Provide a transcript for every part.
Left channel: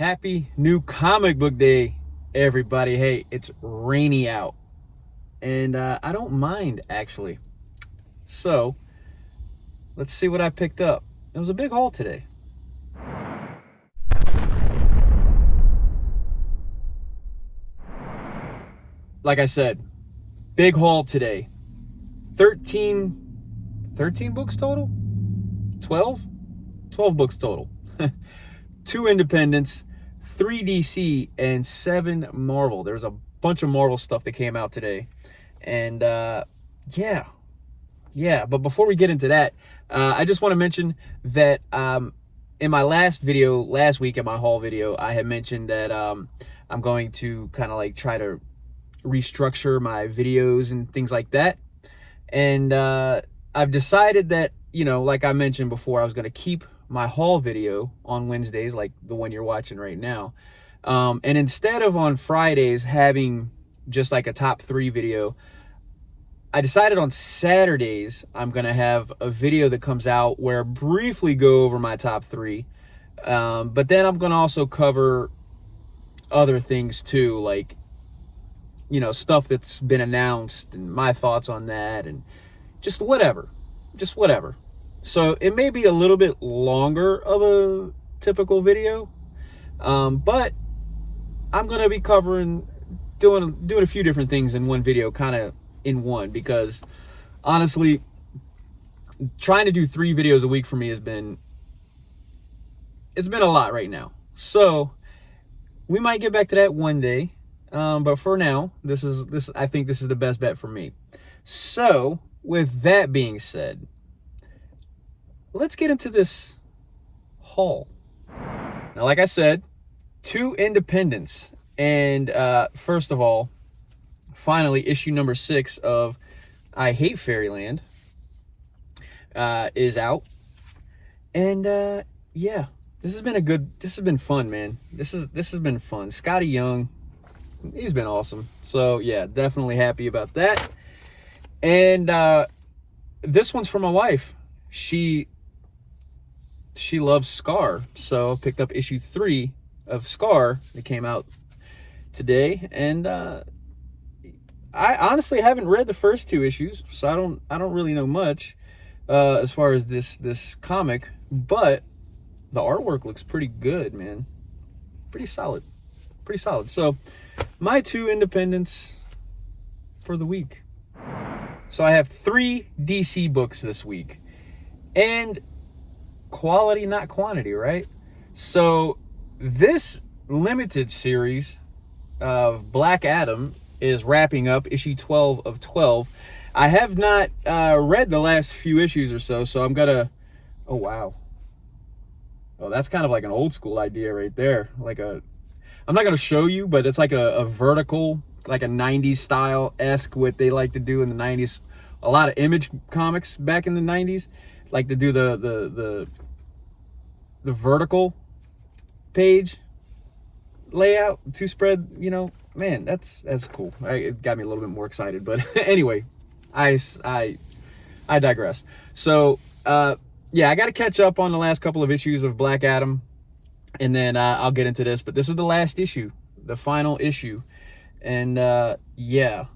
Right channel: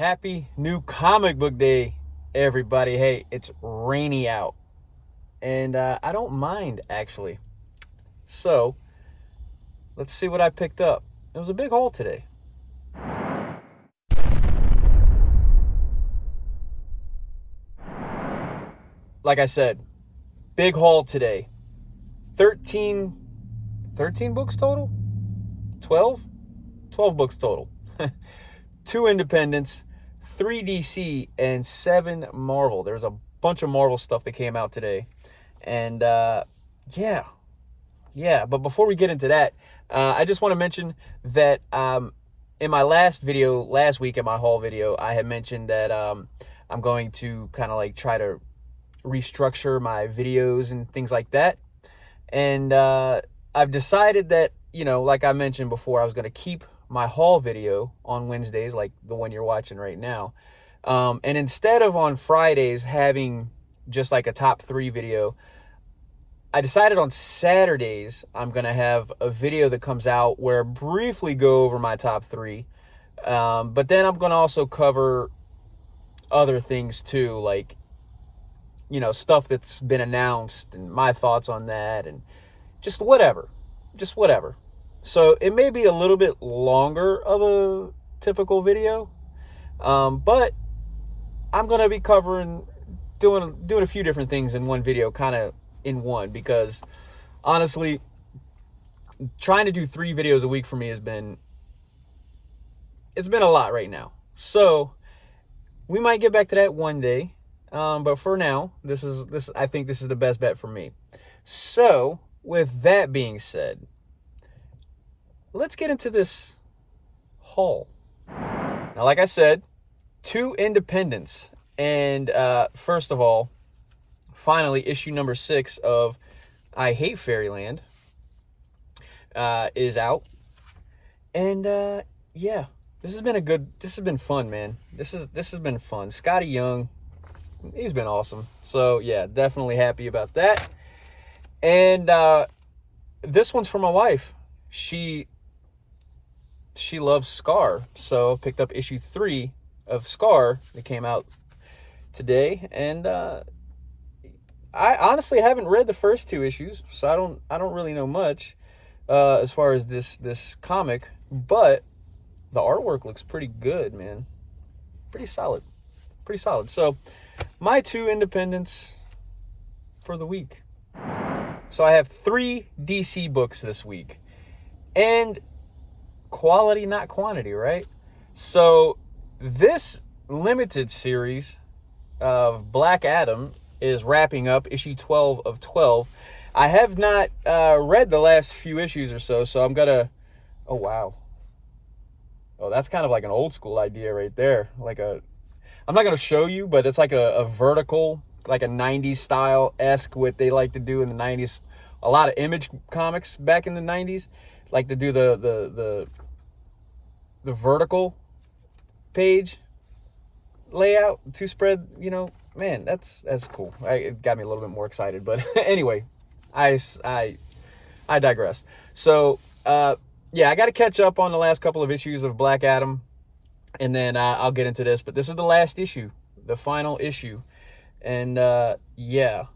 Happy new comic book day, everybody. Hey, it's rainy out, and I don't mind, actually. So, let's see what I picked up. It was a big haul today. Like I said, big haul today. 13 books total? 12? 12 books total. 2 independents, 3 DC, and 7 Marvel. There's a bunch of Marvel stuff that came out today. And yeah. But before we get into that, I just want to mention that in my last video, last week in my haul video, I had mentioned that I'm going to kind of like try to restructure my videos and things like that. And I've decided that, like I mentioned before, I was going to keep my haul video on Wednesdays, like the one you're watching right now. And instead of on Fridays having just like a top 3 video, I decided on Saturdays I'm going to have a video that comes out where I briefly go over my top 3. But then I'm going to also cover other things too, like, stuff that's been announced and my thoughts on that and just whatever. So it may be a little bit longer of a typical video, but I'm going to be doing a few different things in one video, kind of in one, because honestly, trying to do 3 videos a week for me it's been a lot right now. So we might get back to that one day. But for now, I think this is the best bet for me. So with that being said, let's get into this haul. Now, like I said, 2 independents. And first of all, finally, issue number 6 of I Hate Fairyland is out. And yeah, this has been fun, man. This has been fun. Scotty Young, he's been awesome. So yeah, definitely happy about that. And this one's for my wife. She loves Scar, so I picked up issue 3 of Scar that came out today. And I honestly haven't read the first 2 issues, so I don't really know much as far as this comic, but the artwork looks pretty good, man. Pretty solid. So my 2 independents for the week. So I have 3 DC books this week. And quality, not quantity, right? So this limited series of Black Adam is wrapping up, issue 12 of 12. I have not read the last few issues or so I'm gonna... Oh, wow. Oh, that's kind of like an old school idea right there. I'm not going to show you, but it's like a vertical, like a 90s style-esque, what they like to do in the 90s. A lot of Image comics back in the 90s like to do the vertical page layout, 2 spread, man, that's cool. It got me a little bit more excited, but anyway, I digress. So, yeah, I got to catch up on the last couple of issues of Black Adam, and then I'll get into this. But this is the last issue, the final issue. And, yeah,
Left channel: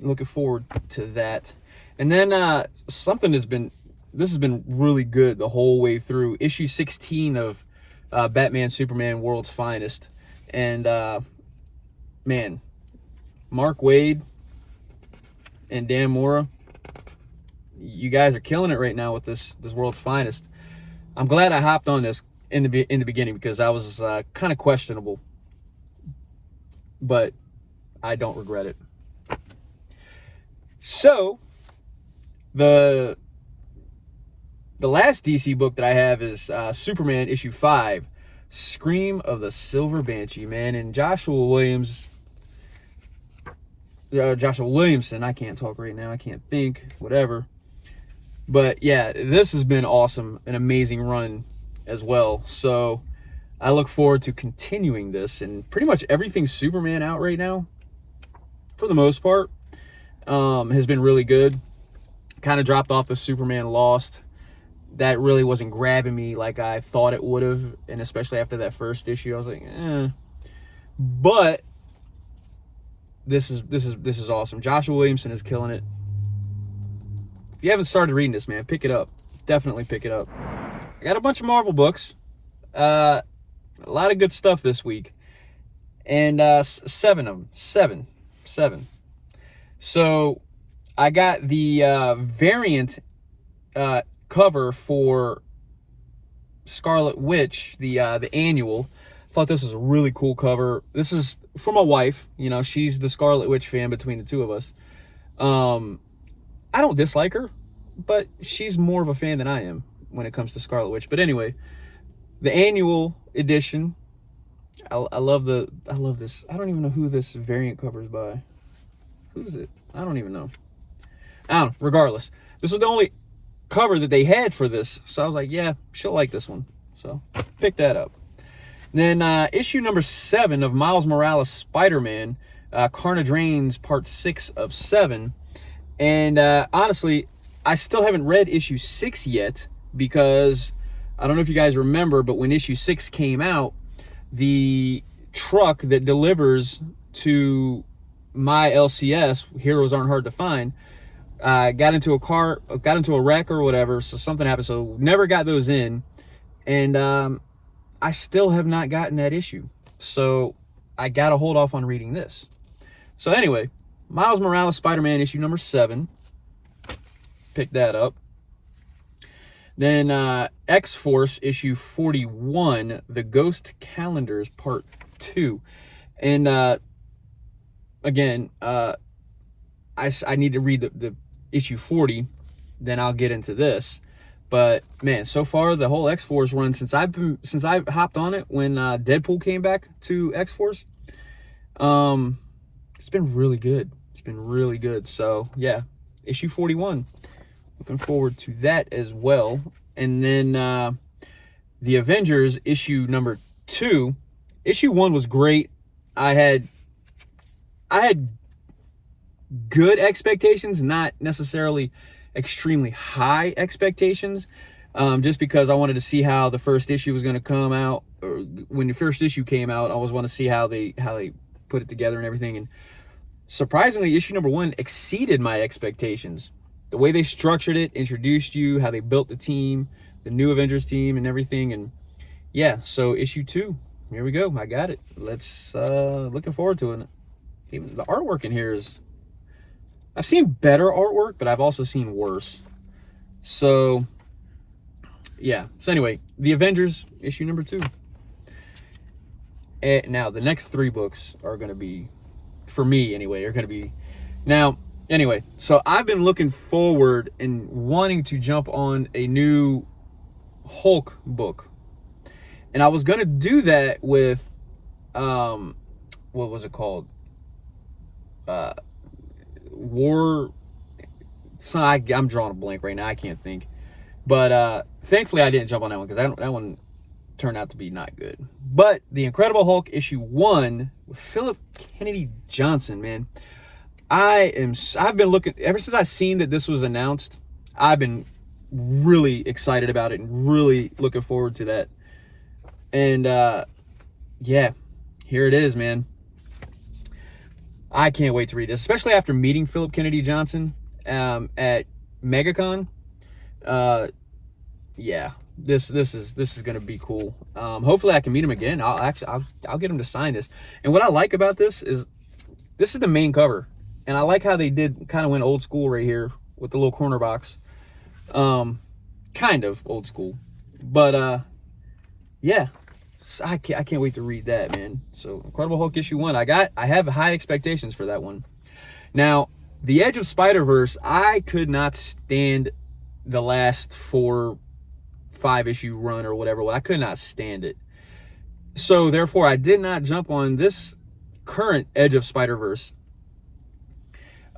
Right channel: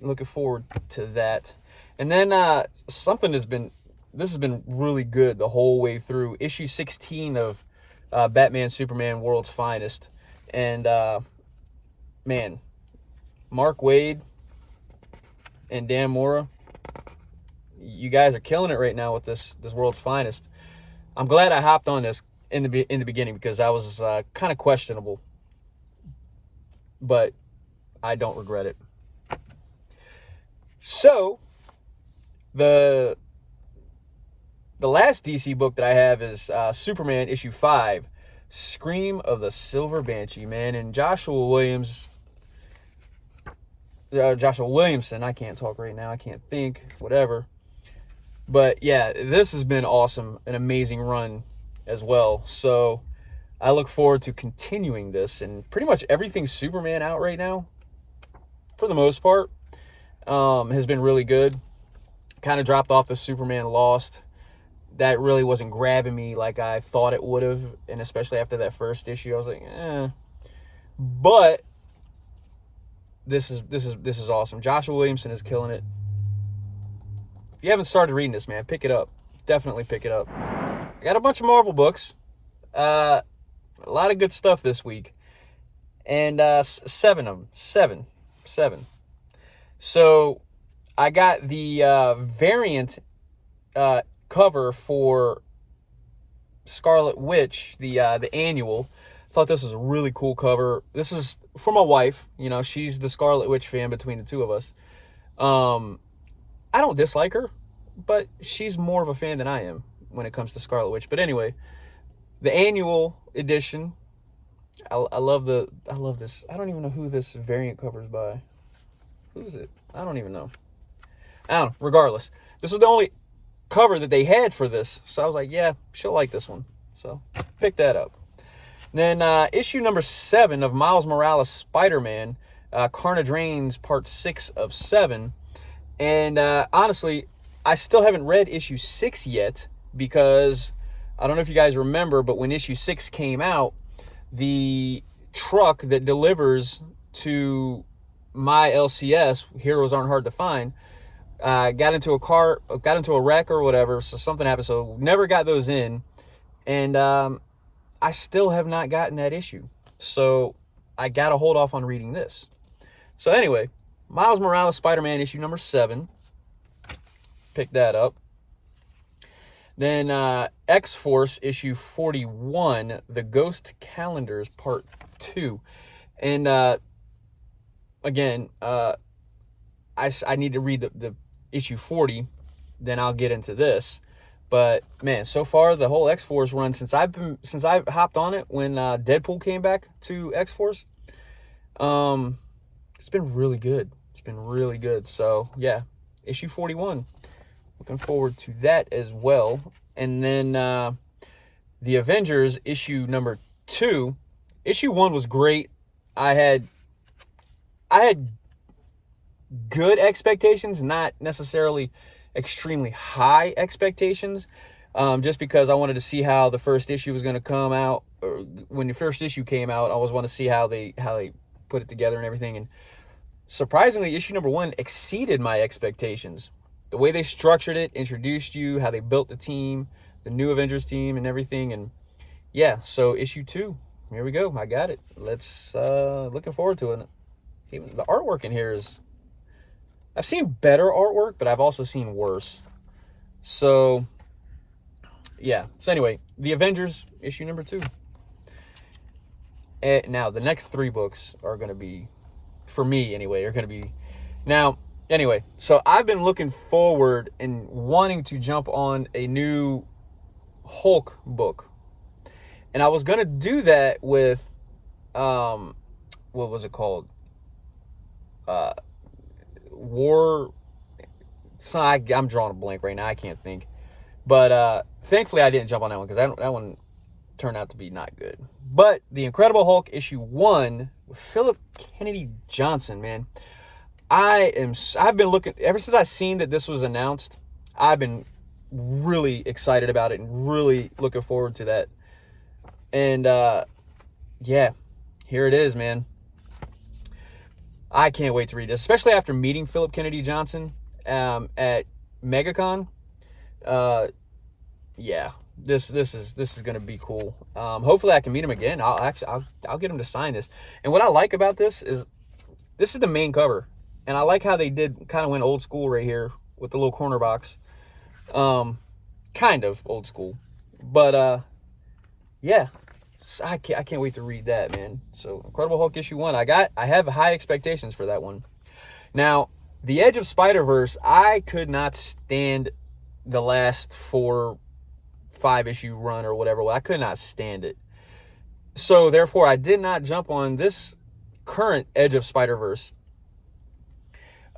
looking forward to that. And then this has been really good the whole way through. Issue 16 of Batman, Superman, World's Finest. And, man, Mark Waid and Dan Mora, you guys are killing it right now with this World's Finest. I'm glad I hopped on this in the beginning, because I was kind of questionable, but I don't regret it. So the last DC book that I have is Superman issue 5, Scream of the Silver Banshee, man. And Joshua Williamson, I can't talk right now, I can't think, whatever. But yeah, this has been awesome, an amazing run as well. So I look forward to continuing this, and pretty much everything Superman out right now, for the most part, has been really good. Kind of dropped off the Superman Lost. that really wasn't grabbing me like I thought it would have, and especially after that first issue, I was like, eh. But this is awesome. Joshua Williamson is killing it. If you haven't started reading this, man, pick it up. Definitely pick it up. I got a bunch of Marvel books. A lot of good stuff this week. And 7 of them. Seven. So I got the variant cover for Scarlet Witch, the annual. Thought this was a really cool cover. This is for my wife. You know, she's the Scarlet Witch fan between the two of us. I don't dislike her, but she's more of a fan than I am when it comes to Scarlet Witch. But anyway, the annual edition. I love this. I don't even know who this variant cover is by. Who's it? I don't even know. I don't know. Regardless, this was the only cover that they had for this, so I was like, yeah, she'll like this one. So pick that up. Then issue number 7 of Miles Morales Spider-Man, Carnage Reigns, part 6 of 7. And honestly, I still haven't read issue 6 yet, because I don't know if you guys remember, but when issue 6 came out, the truck that delivers to my LCS, Heroes Aren't Hard to Find, got into a wreck or whatever, so something happened, so never got those in. And I still have not gotten that issue, so I gotta hold off on reading this. So anyway, Miles Morales Spider-Man issue number 7, pick that up. Then X-Force issue 41, The Ghost Calendars part 2. And again, I need to read the issue 40, then I'll get into this. But man, so far the whole X-Force run, since I've hopped on it when Deadpool came back to X-Force, it's been really good. It's been really good. So yeah, issue 41. Looking forward to that as well. And then the Avengers issue number 2. Issue 1 was great. I had good expectations, not necessarily extremely high expectations, just because I wanted to see how the first issue was going to come out. Or when the first issue came out, I always want to see how they put it together and everything. And surprisingly, issue number 1 exceeded my expectations. The way they structured it, introduced you, how they built the team, the new Avengers team and everything. And yeah, so issue 2, here we go. I got it. Let's, looking forward to it. Even the artwork in here is, I've seen better artwork, but I've also seen worse. So yeah. So anyway, the Avengers issue number 2. And now the next 3 books are going to be, for me anyway, are going to be, now, anyway, so I've been looking forward and wanting to jump on a new Hulk book. And I was going to do that with, what was it called? I'm drawing a blank right now. I can't think. But thankfully I didn't jump on that one, because that one turned out to be not good. But The Incredible Hulk issue 1 with Philip Kennedy Johnson, man. I've been looking, ever since I seen that this was announced, I've been really excited about it and really looking forward to that. And yeah, here it is, man. I can't wait to read this, especially after meeting Philip Kennedy Johnson at MegaCon. Yeah, this is gonna be cool. Hopefully I can meet him again. I'll get him to sign this. And what I like about this is the main cover. And I like how they kind of went old school right here with the little corner box. Kind of old school. But, yeah. I can't wait to read that, man. So, Incredible Hulk issue 1. I have high expectations for that one. Now, The Edge of Spiderverse, I could not stand the last 4-5 issue run or whatever. I could not stand it. So, therefore, I did not jump on this current Edge of Spiderverse.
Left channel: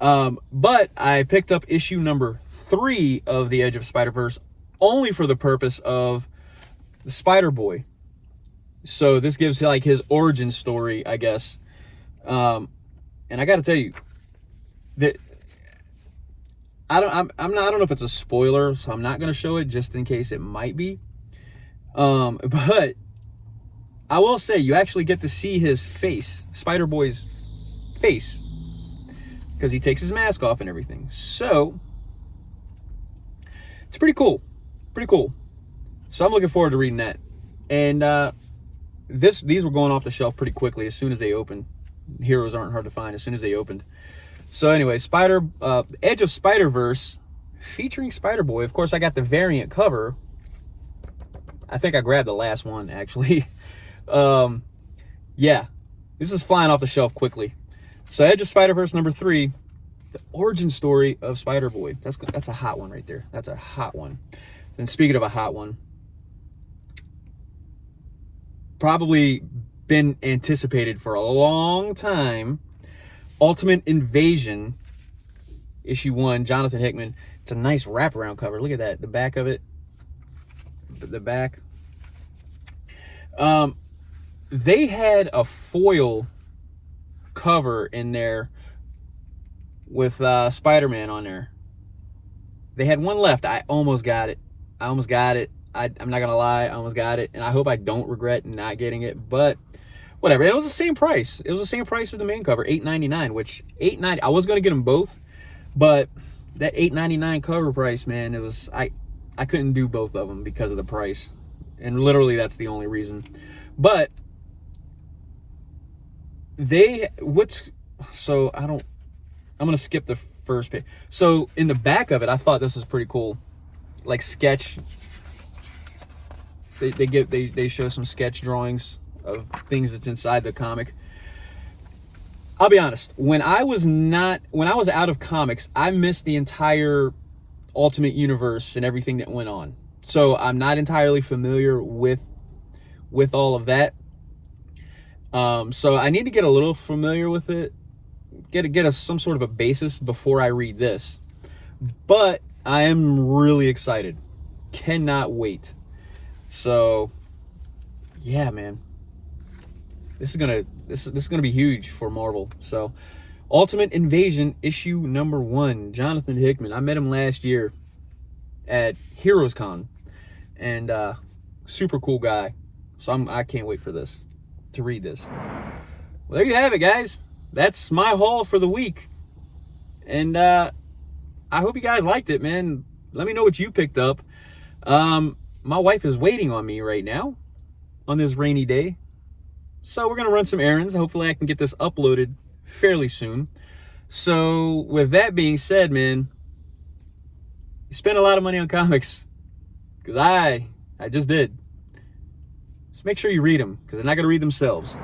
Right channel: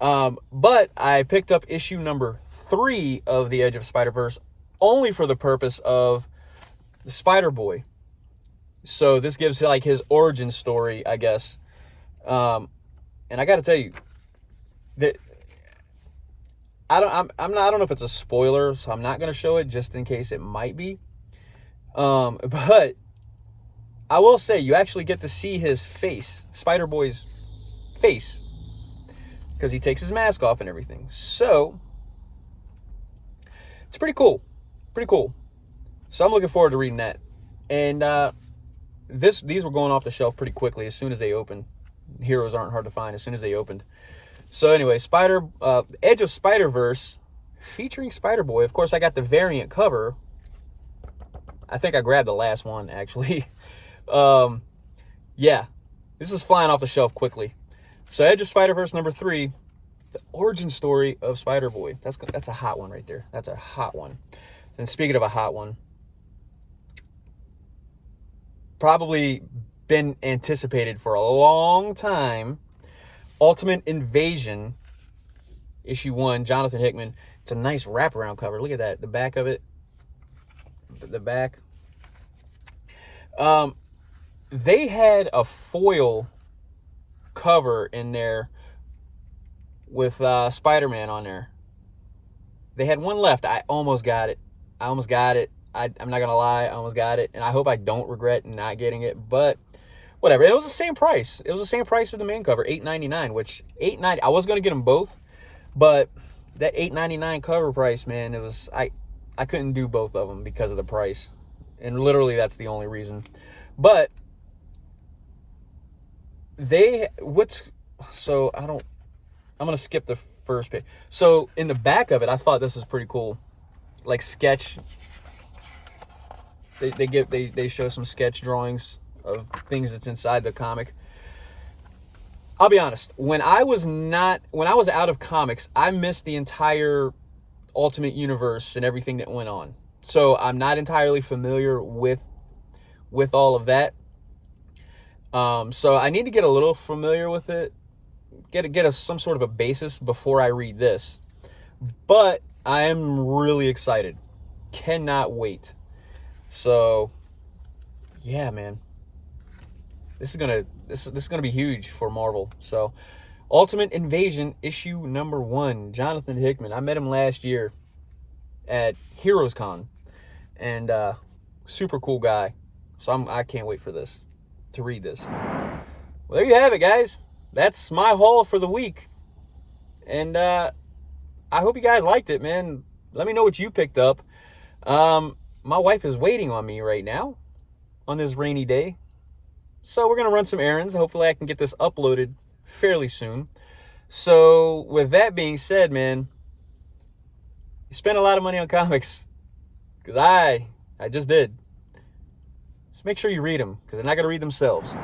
But I picked up issue number 3 of The Edge of Spider-Verse only for the purpose of the Spider-Boy. So this gives like his origin story, I guess. And I got to tell you that I don't know if it's a spoiler, so I'm not going to show it just in case it might be. But I will say you actually get to see his face, Spider-Boy's face, because he takes his mask off and everything. So it's pretty cool. Pretty cool. So I'm looking forward to reading that. And these were going off the shelf pretty quickly as soon as they opened. Heroes aren't hard to find as soon as they opened. So anyway, Edge of Spiderverse featuring Spider-Boy. Of course, I got the variant cover. I think I grabbed the last one, actually. Yeah, this is flying off the shelf quickly. So Edge of Spider-Verse number 3, the origin story of Spider-Boy. That's a hot one right there. That's a hot one. And speaking of a hot one, probably been anticipated for a long time, Ultimate Invasion, issue 1, Jonathan Hickman. It's a nice wraparound cover. Look at that, the back of it. The back. They had a foil cover in there with Spider-Man on there. They had one left. I almost got it. I'm not gonna lie, I almost got it, and I hope I don't regret not getting it, but whatever. It was the same price. It was the same price as the main cover, $8.99, which $8.90. I was gonna get them both, but that $8.99 cover price, man, it was I couldn't do both of them because of the price, and literally that's the only reason. But I'm gonna skip the first page. So in the back of it, I thought this was pretty cool, like sketch. They show some sketch drawings of things that's inside the comic. I'll be honest, when I was out of comics, I missed the entire Ultimate Universe and everything that went on. So I'm not entirely familiar with all of that. So I need to get a little familiar with it, get some sort of a basis before I read this. But I am really excited. Cannot wait. So yeah, man. This is gonna be huge for Marvel. So Ultimate Invasion issue number 1, Jonathan Hickman. I met him last year at Heroes Con, and super cool guy. So I can't wait for this, to read this. Well, there you have it, guys. That's my haul for the week, and I hope you guys liked it, man. Let me know what you picked up. My wife is waiting on me right now on this rainy day, so we're gonna run some errands. Hopefully I can get this uploaded fairly soon. So with that being said, man, you spend a lot of money on comics, because I just did. Just make sure you read them, because they're not gonna read themselves.